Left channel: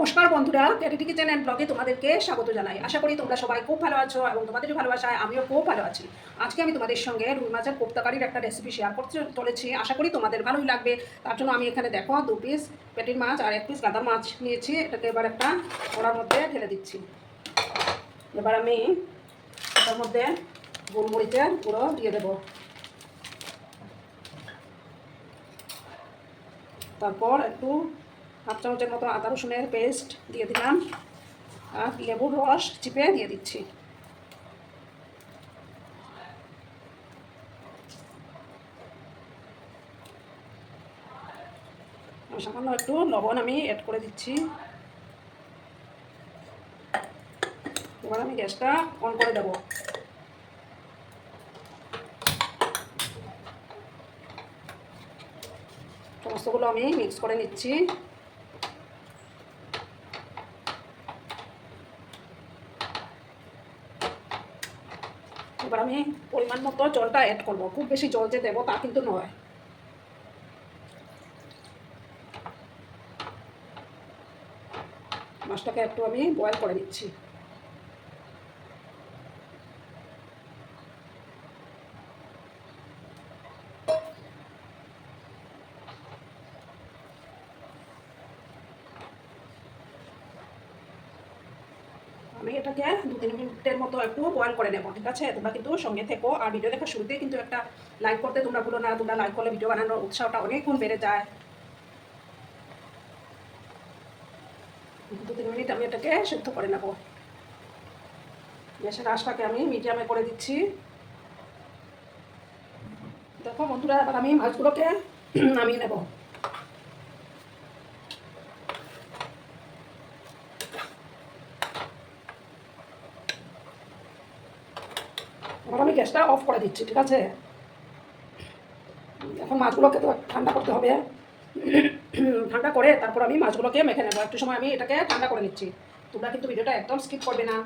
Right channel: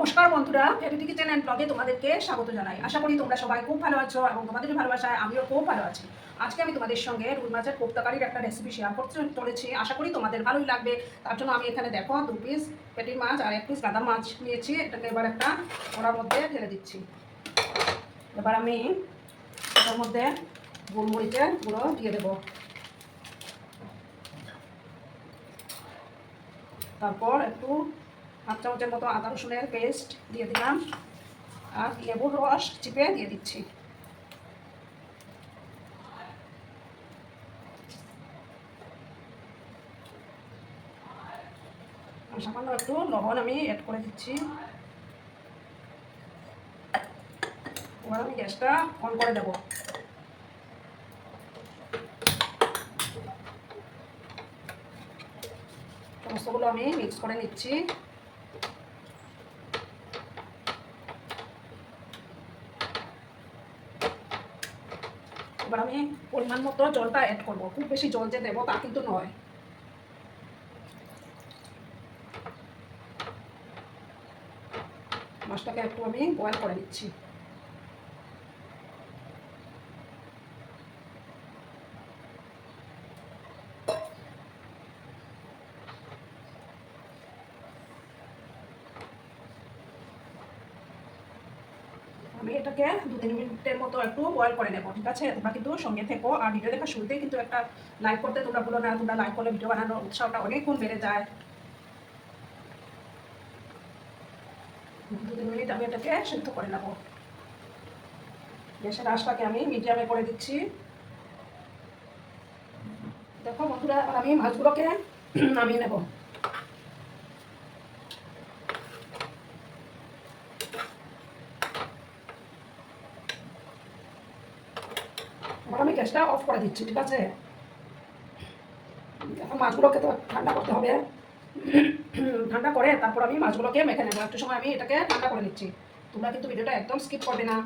নমস্কার বন্ধুরা ক্যারিটি kitchen and ব্লগে তোমাদেরকে স্বাগত জানাই। আশা করি তোমরা সবাই খুব ভালো আছো এবং তোমাদের ভালোবাসায়, আমিও খুব ভালো আছি। আজকে আমি তোমাদের সঙ্গে রুই মাছের কোপ্তাকারির একটা রেসিপি শেয়ার করতে চলেছি। আশা করি তোমাদের ভালোই লাগবে। তার জন্য আমি এখানে দেখো দু পিস পেটির মাছ আর এক পিস গাদার মাছ নিয়েছি। এটাকে এবার একটা ওড়ার মধ্যে ঢেলে দিচ্ছি। এবার আমি এটার মধ্যে গোলমরিচের গুঁড়ো দিয়ে দেবো। তারপর একটু হাফ চামচের মতো আদা রসুনের পেস্ট দিয়ে দিলাম। আর লেবুর রস চিপে দিয়ে দিচ্ছি। সামান্য একটু লবণ আমি অ্যাড করে দিচ্ছি। এবার আমি গ্যাসটা অন করে দেবো। সমস্তগুলো আমি মিক্স করে নিচ্ছি। এবার আমি পরিমাণ মতো জলটা অ্যাড করব। খুব বেশি জল যে দেবো তা কিন্তু নয়। মাছটাকে একটু আমি বয়েল করে নিচ্ছি। আমি এটাকে দু তিন মিনিটের মতো একটু বয়েল করে নেব, ঠিক আছে? তোমরা কিন্তু সঙ্গে থেকো। আর ভিডিও দেখা শুরুতে কিন্তু একটা লাইক করতে তোমরা ভুলো না। তোমরা লাইক করলে ভিডিও বানানোর উৎসাহটা অনেক গুণ বেড়ে যায়। দু তিন মিনিট আমি এটাকে সেদ্ধ করে নেব। গ্যাসের আঁচটাকে আমি মিডিয়ামে করে দিচ্ছি। দেখো বন্ধুরা আমি মাছগুলোকে নামিয়ে নেব এবার আমি গ্যাসটা অফ করে দিচ্ছি, ঠিক আছে? এখন মাছগুলোকে তো ঠান্ডা করতে হবে। ঠান্ডা করে তারপর আমি মাছগুলোকে মেখে নেব। একটু সময় আমি এটাকে ঠান্ডা করে নিচ্ছি। তোমরা কিন্তু ভিডিওটা একদম স্কিপ করবে না।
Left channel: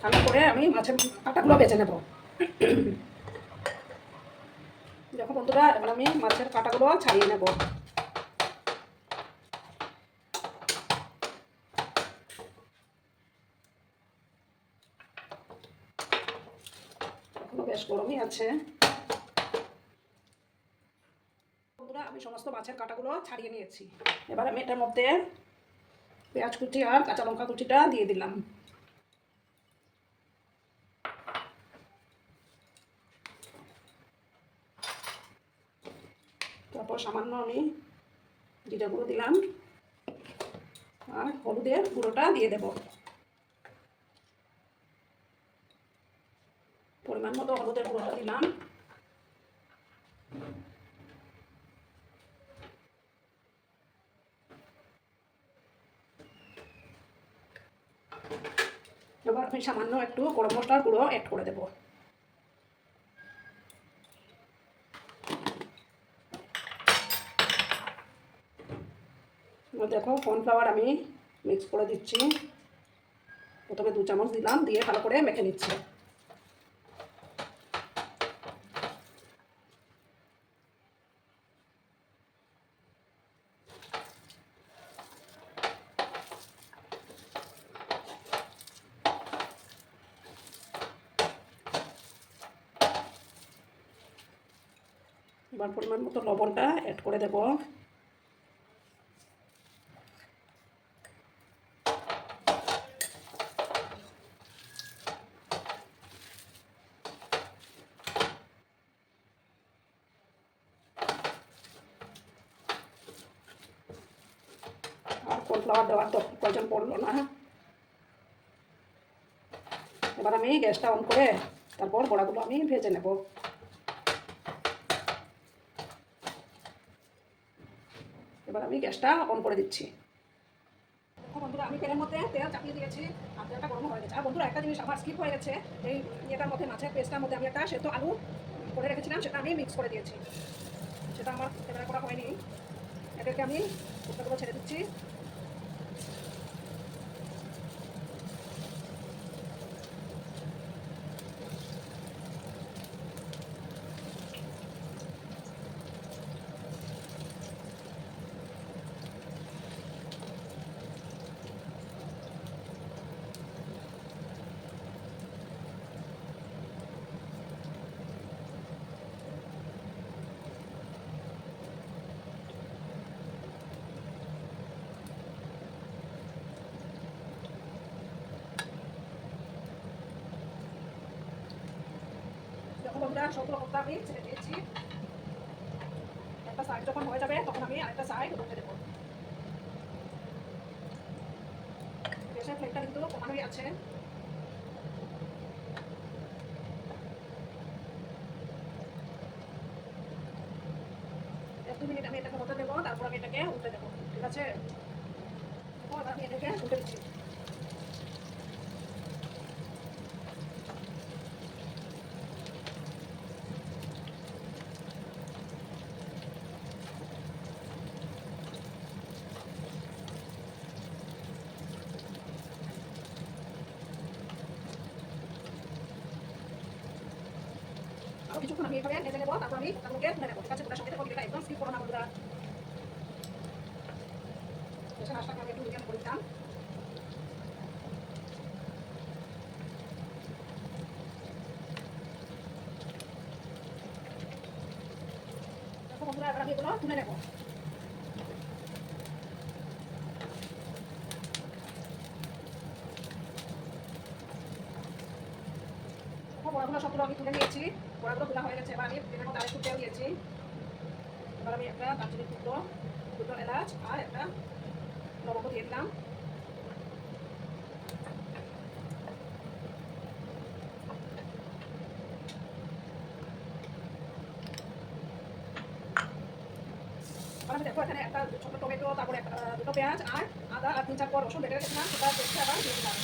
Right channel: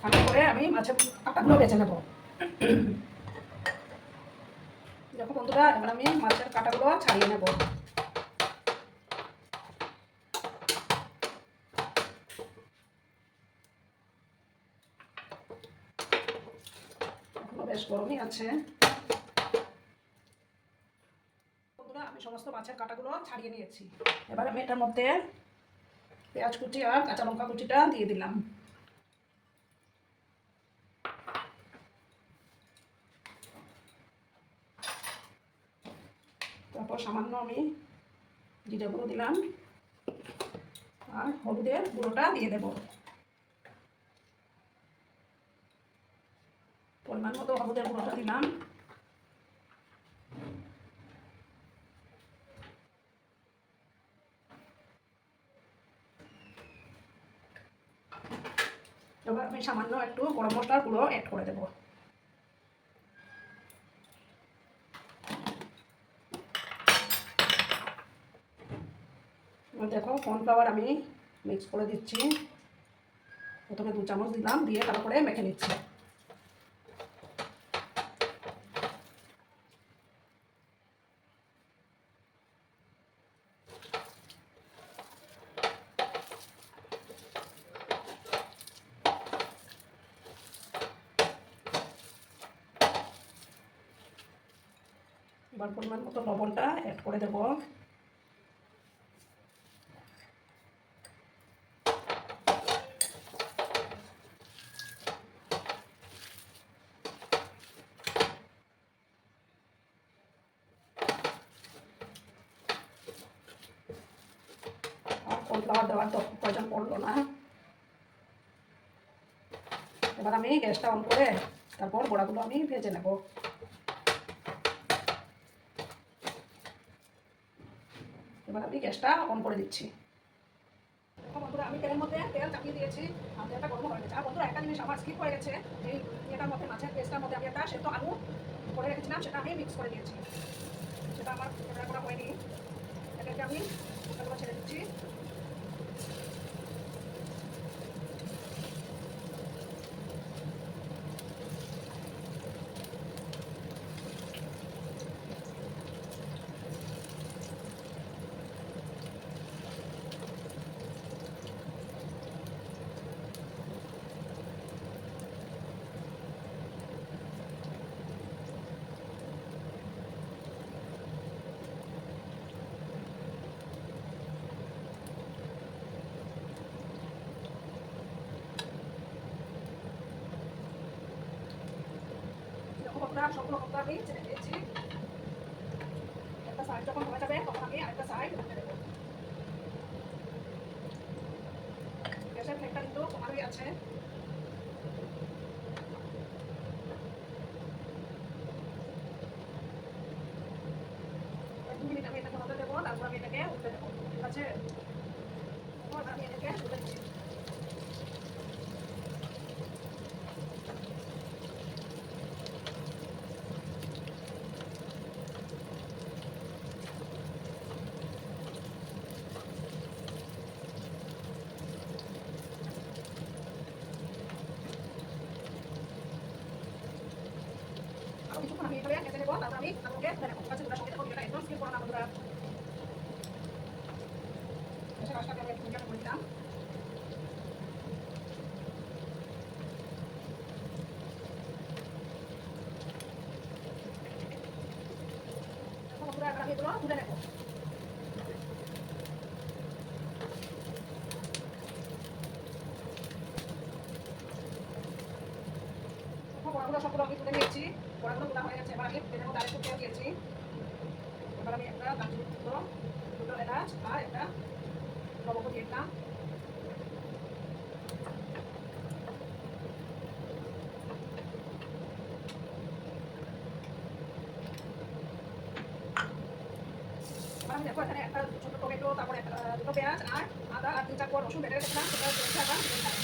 ঠান্ডা করে আমি মাছের কাঁটাগুলো বেছে নেব। দেখো বন্ধুরা, এবার আমি মাছের কাঁটাগুলো ছাড়িয়ে নেব এখনও বেশ গরমই আছে। বন্ধুরা, আমি সমস্ত মাছের কাঁটাগুলো ছাড়িয়ে নিয়েছি। এবার আমি এটার মধ্যে পেঁয়াজ কুচি আর কাঁচা লঙ্কা কুচিটা দিয়ে দিলাম। তারপর সামান্য আমি জিরে গুঁড়ো দিলাম। আর হলুদের গুঁড়োটা দিয়ে দেবো পরিমাণ মতো হলুদের গুঁড়োটা দিলাম। এবার আমি সামান্য একটু গরম মশলার গুঁড়ো অ্যাড করে দেবো। দেখো কর্নফ্লাওয়ার আমি মিক্স করে দিচ্ছি। প্রথমে দু চামচ দিলাম, দিয়ে ভালো করে মেখে নিচ্ছি। এবার পরিমাণ মতো লবণটা অ্যাড করে দেব। কর্নফ্লাওয়ার দেওয়ার তো প্রয়োজন পড়ল না। এবার আমি গ্যাসটা অন করে তারপর বড়াগুলো আমি ভেজে নেব। এবার আমি গ্যাসটা অন করে দিচ্ছি। বন্ধুরা, আমি তেলের মধ্যে তেল চাপিয়ে দিয়েছি। আর তেলটা গরম হয়ে গেছে। আর বন্ধুরা, একটা জিনিস আমার স্কিপ হয়ে গেছে। এই ইয়েটার মধ্যে, মাছের পেস্টটার মধ্যে আমি একটা সেদ্ধ আলু করে রেখেছিলাম, সেটা আমি মিক্স করে দিয়েছি। সেটা আমার ক্যামেরা করা হয়নি। এটাকে আমি ছেড়ে দিচ্ছি। কোপ্তা আমি ছেড়ে দিয়েছি। একটা সাইড যখন হয়ে যাবে, তখন আমি আরেকটা সাইড উঠে দেবো। গ্যাসের ফ্লেমটা কিন্তু কমানোই আছে এক দু মিনিট আমি এটাকে হতে দেবো তারপর আমি এটাকে উঠে দেবো ঠিক আছে তো আমি এটাকে উঠে দিচ্ছি তো কিছুক্ষণ আমি এভাবে ভেজে নেব তারপর আমি তারপরে তুলে নেব ঠিক আছে ওটার সঙ্গে ভিডিওটা একদম স্কিপ করো না বন্ধুরা আচ্ছা তুলে নেব এখন বড়াগুলো সবগুলো আমি তুলে নিয়েছি বড়াগুলো তোলা হয়ে গেছে এবার আমি তেলের মধ্যে আরেকটু তেল দিয়েছি এবার আমি একটা দারচিনির টুকরো দুটো এলাচ আর একটা লবঙ্গ দিয়ে দিলাম দেখো এখানে একটা ছোটো টমেটো তারপরে দুটো পেঁয়াজ আর আদা আর তিন চার কোয়া রসুন বেটে রেখেছিলাম সেটা পেস্টটা আবার দিয়ে দিলাম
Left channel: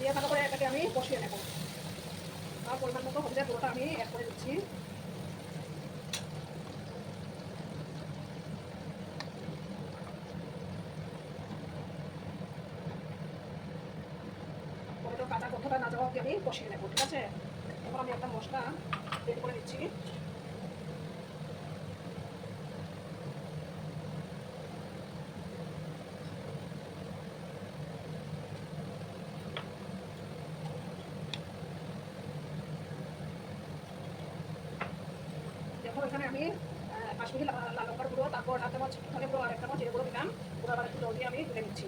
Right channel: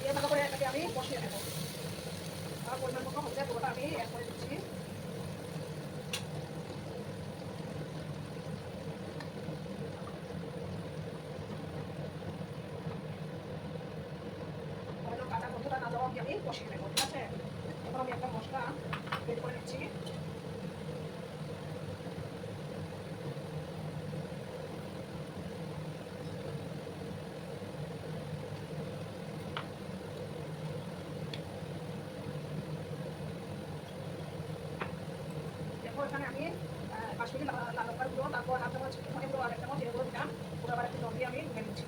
দিয়ে ভালো করে এটাকে আমি বসিয়ে নেব আর পরিমাণ মতো হলুদের গুঁড়োটা আমি অ্যাড করে দিচ্ছি হয়তো কাঁচা গন্ধটা না যাওয়া অবধি আমি কষিয়ে নেব, ঠিক আছে? এবার আমি একটা মশলা রেডি করে নিচ্ছি। এখানে আমি কাশ্মীরি লাল লঙ্কার গুঁড়ো, তারপর হাফ চামচ ধনে গুঁড়ো, আর এক চামচ জিরে দিলাম। পুরো আবার একটু জল দিয়ে আমি ধুয়ে নিচ্ছি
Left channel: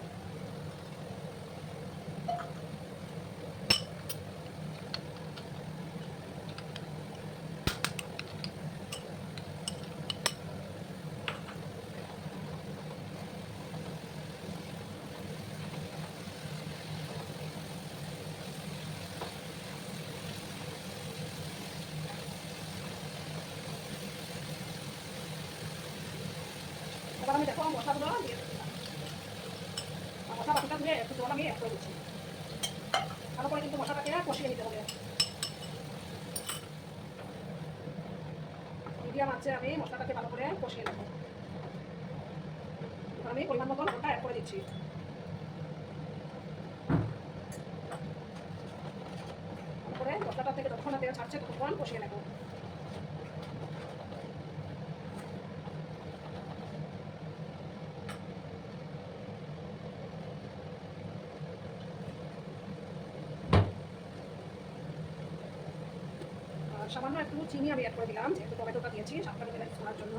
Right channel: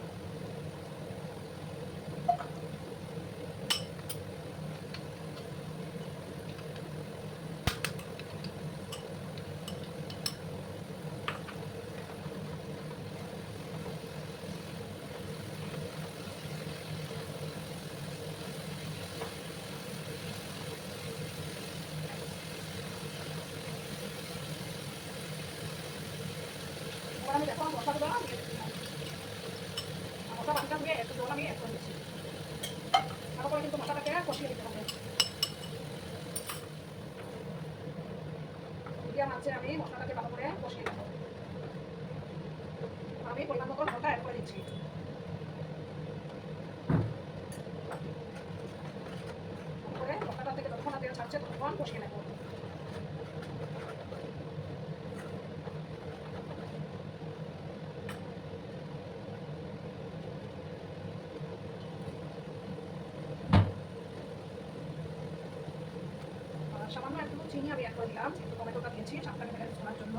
এবার আমি দেখো মশলাগুলো দিয়ে দিচ্ছিলাম মশলা বাকিটা দিয়ে একটু জল আমি অ্যাড করে দিচ্ছি ভালো করে কিন্তু মশলাটাকে কষিয়ে নিতে হবে আছে আমি মশলাটাকে ভালো করে কষিয়ে নেব। আমি পরিমাণ মতো লবণটা অ্যাড করে দিচ্ছি। তারপরে মশলাটা থেকে যতক্ষণ তেল ছাড়ছে কষিয়ে নেব আর সামান্য একটু চিনি আমি অ্যাড করে দিলাম, যেহেতু টমেটোটা দিয়েছি, সাতটা ব্যালেন্স করার জন্য।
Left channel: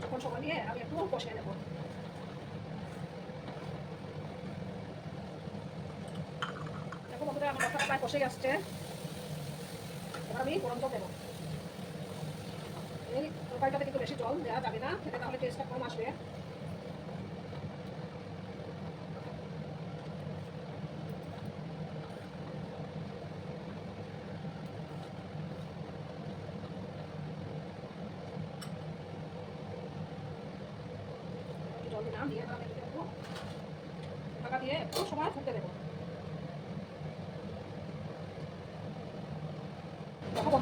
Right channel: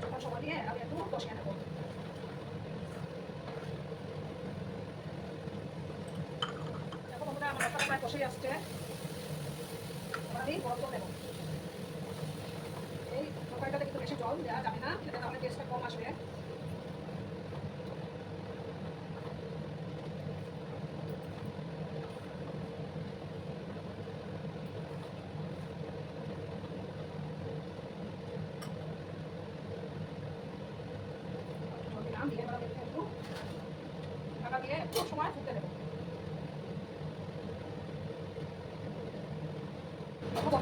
যখন সময় নিয়ে আমি একটু কষিয়ে নেব। দেখো বন্ধুরা, আমার প্রায় কষেই আসছে। আমি গরম জল দেবো। এই তরকারিটাতে কিন্তু বেশি জল দেওয়া যাবে না, খেতে তাহলে টেস্টটা কম আসবে জল দিলাম দিয়ে এবার আমি একটু একটু ঢাকা দিয়ে একটু সময় ফুটতে দেবো দেখো বন্ধুরা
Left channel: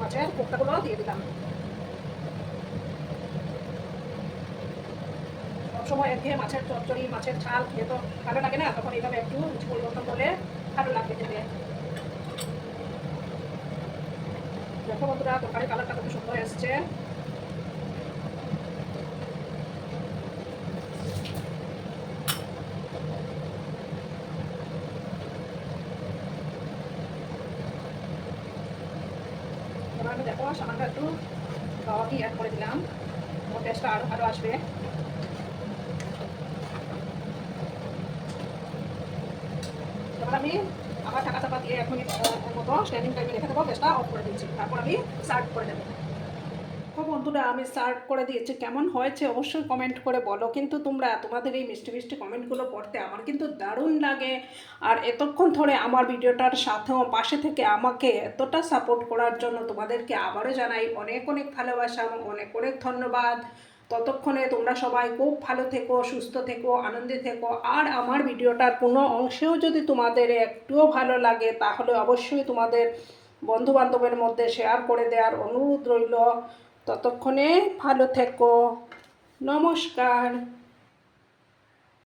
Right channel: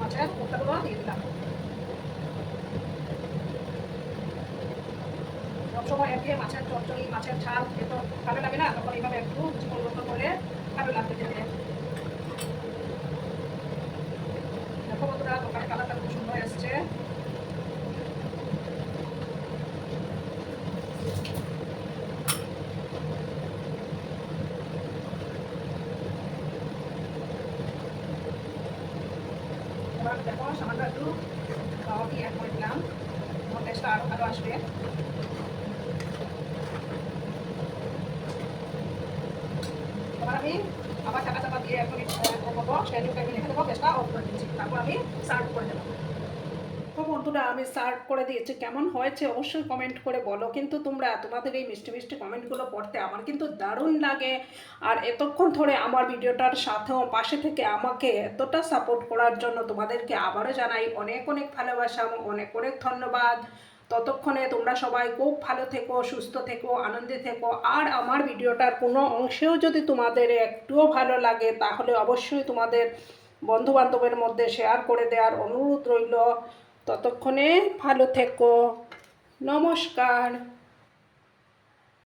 মাছের কোপ্তাগুলো দিয়ে দিলাম। সবসময় মাছের চচ্চড়ি, মাছের ঝাল খেয়ে ভালো লাগে না, তখন এইভাবে একটু পরিবর্তন করলে ভালো লাগবে খেতে দেখো বন্ধুরা দোকানে কালারটা খুব সুন্দর এসছে আসবে তারপর আমি আবার দিয়ে রেখে দেবো গ্যাসটা অফ করে দিচ্ছি। তারপর আমি সার্ভ করে দেবো। বন্ধুরা, আমি সার্ভ করে দিয়েছি। কেমন হয়েছে অবশ্যই কমেন্ট করে বলো। কিন্তু তোমরা তোমাদের এই মিষ্টি মিষ্টি কমেন্টগুলো পড়তে আমার কিন্তু দারুণ লাগে। আর এতক্ষণ ধরে আমার ভিডিওটার সাথেও পাশে থেকে আমাকে এতটা সাপোর্ট করার জন্য তোমাদেরকে আবারও জানাই অনেক অনেক ভালোবাসা এবং অনেক অনেক ধন্যবাদ। ততক্ষণে তোমরা সবাই খুব ভালো থেকো, সুস্থ থেকো, আনন্দে থেকো। আর আমার ভিডিওটার কোনো অংশেও যদি তোমাদের একটুও ভালো লাগে, তাহলে অবশ্যই তোমাদের বন্ধুবান্ধবের মধ্যে শেয়ার করে দেওয়ার অনুরোধ রইল। ততক্ষণে ভালো থেকো। নমস্কার।